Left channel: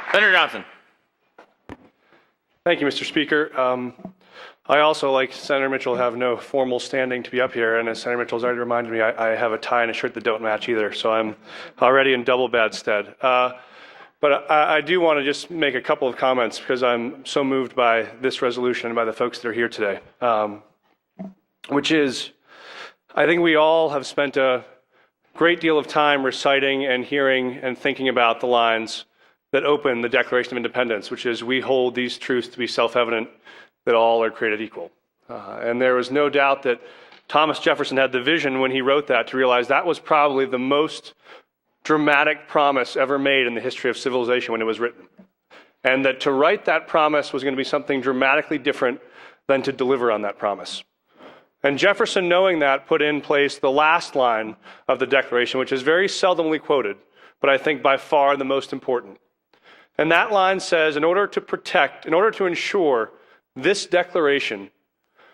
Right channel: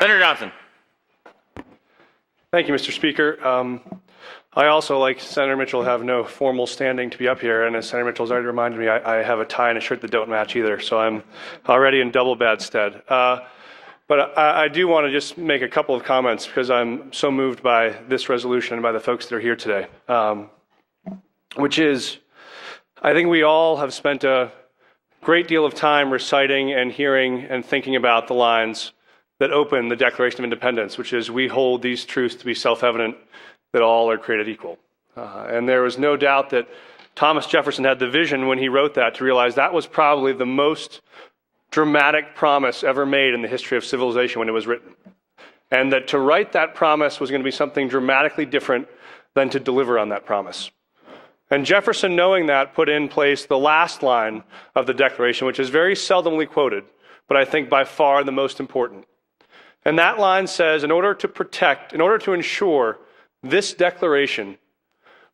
Senator Johnston. Thank you, Mr. Speaker. I also, like Senator Mitchell, have no formal standing to be up here, and Senator Mitchell's already reminded me I have a tie and a shirt that don't match either, so I'm already in double bad stead. But I do want to just make a couple of comments because I'm so moved by this resolution and by the folks that are here today, which is, I think we all have spent a great deal of time reciting and hearing and thinking about the lines that open the Declaration of Independence, which is, we hold these truths to be self-evident, that all are created equal. And there is no doubt that Thomas Jefferson had the vision when he wrote that to realize that was probably the most dramatic promise ever made in the history of civilization when it was written. And that to write that promise was going to be something dramatically different than to deliver on that promise. And Jefferson, knowing that, put in place the last line of the Declaration, which was very seldomly quoted, but I think by far the most important. And that line says, in order to ensure this declaration,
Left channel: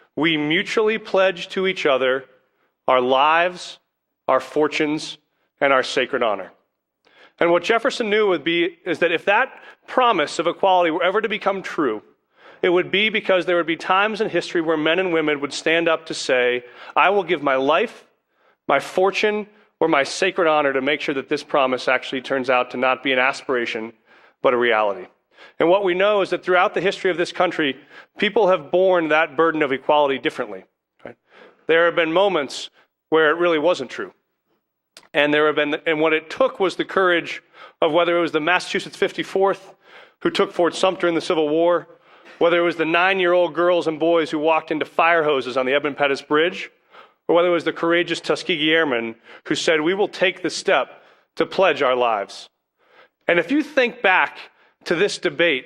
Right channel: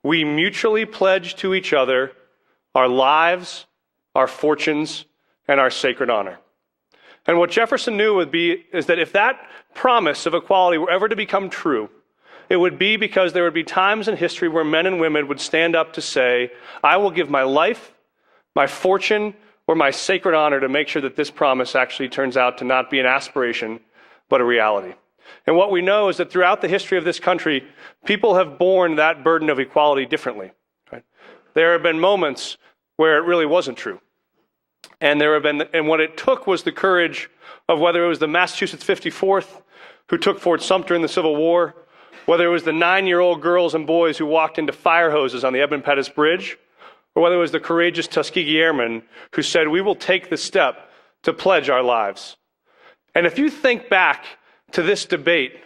we mutually pledge to each other our lives, our fortunes, and our sacred honor. And what Jefferson knew would be is that if that promise of equality were ever to become true, it would be because there would be times in history where men and women would stand up to say, I will give my life, my fortune, or my sacred honor to make sure that this promise actually turns out to not be an aspiration, but a reality. And what we know is that throughout the history of this country, people have borne that burden of equality differently. There have been moments where it really wasn't true. And what it took was the courage of whether it was the Massachusetts 54th who took Fort Sumter in the Civil War, whether it was the 9-year-old girls and boys who walked into fire hoses on the Evan-Pettus Bridge, or whether it was the courageous Tuskegee Airmen who said, we will take the step to pledge our lives. And if you think back to this debate,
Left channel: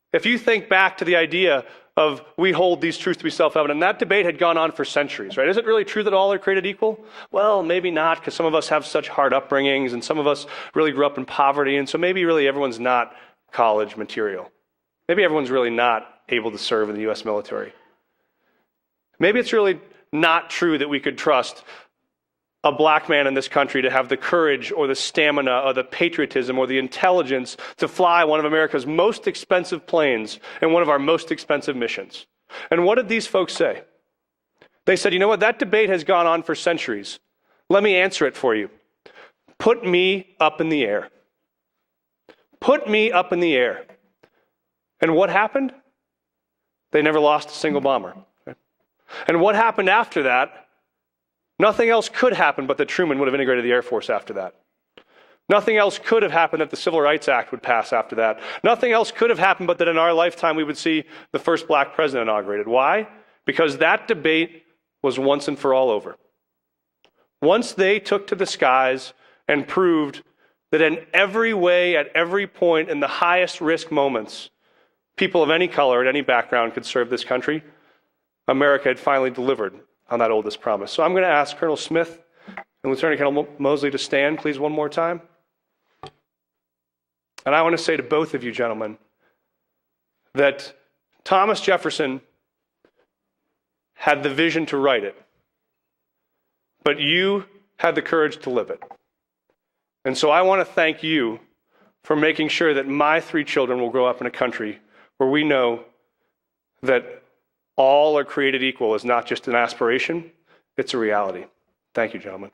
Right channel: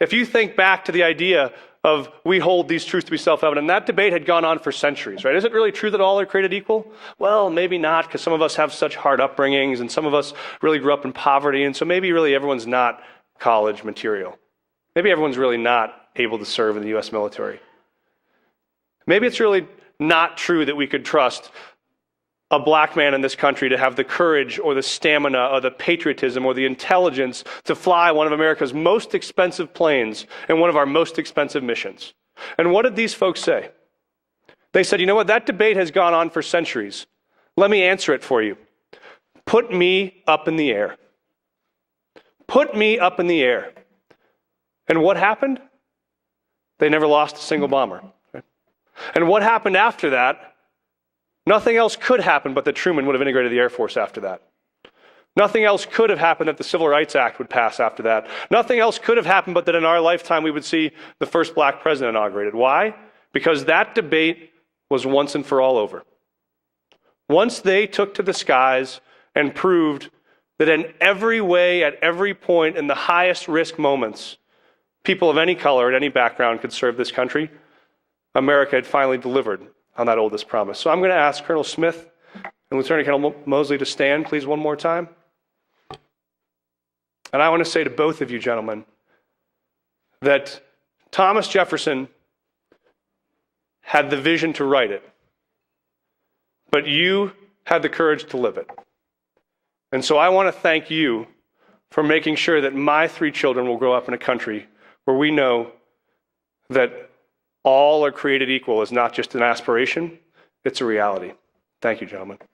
if you think back to the idea of we hold these truths to be self-evident, that debate had gone on for centuries, right? Is it really true that all are created equal? Well, maybe not, because some of us have such hard upbringings, and some of us really grew up in poverty, and so maybe really everyone's not college material. Maybe everyone's really not able to serve in the U.S. military. Maybe it's really not true that we could trust a black man in this country to have the courage or the stamina or the patriotism or the intelligence to fly one of America's most expensive planes and one of our most expensive missions. And what did these folks say? They said, you know what, that debate has gone on for centuries. Let me answer it for you. Put me up in the air. Put me up in the air. And what happened? They never lost a single bomber. And what happened after that? Nothing else could happen but that Truman would have integrated the Air Force after that. Nothing else could have happened that the Civil Rights Act would pass after that. Nothing else could have happened but that in our lifetime we would see the first black president inaugurated. Why? Because that debate was once and for all over. Once they took to the skies and proved that in every way, at every point, in the highest risk moments, people of any color, any background could serve this country, America had finally delivered on that oldest promise. So I'm going to ask Colonel Smith and Lieutenant Colonel Mosley to stand, please, one more time. And I want to say to both of you gentlemen that Thomas Jefferson had the vision to write it, but you had the courage to live it. And so I want to thank you for making sure that my 3 children will grow up in a country where we know that all are created equal is not just an aspiration, it's a reality. Thank you, gentlemen.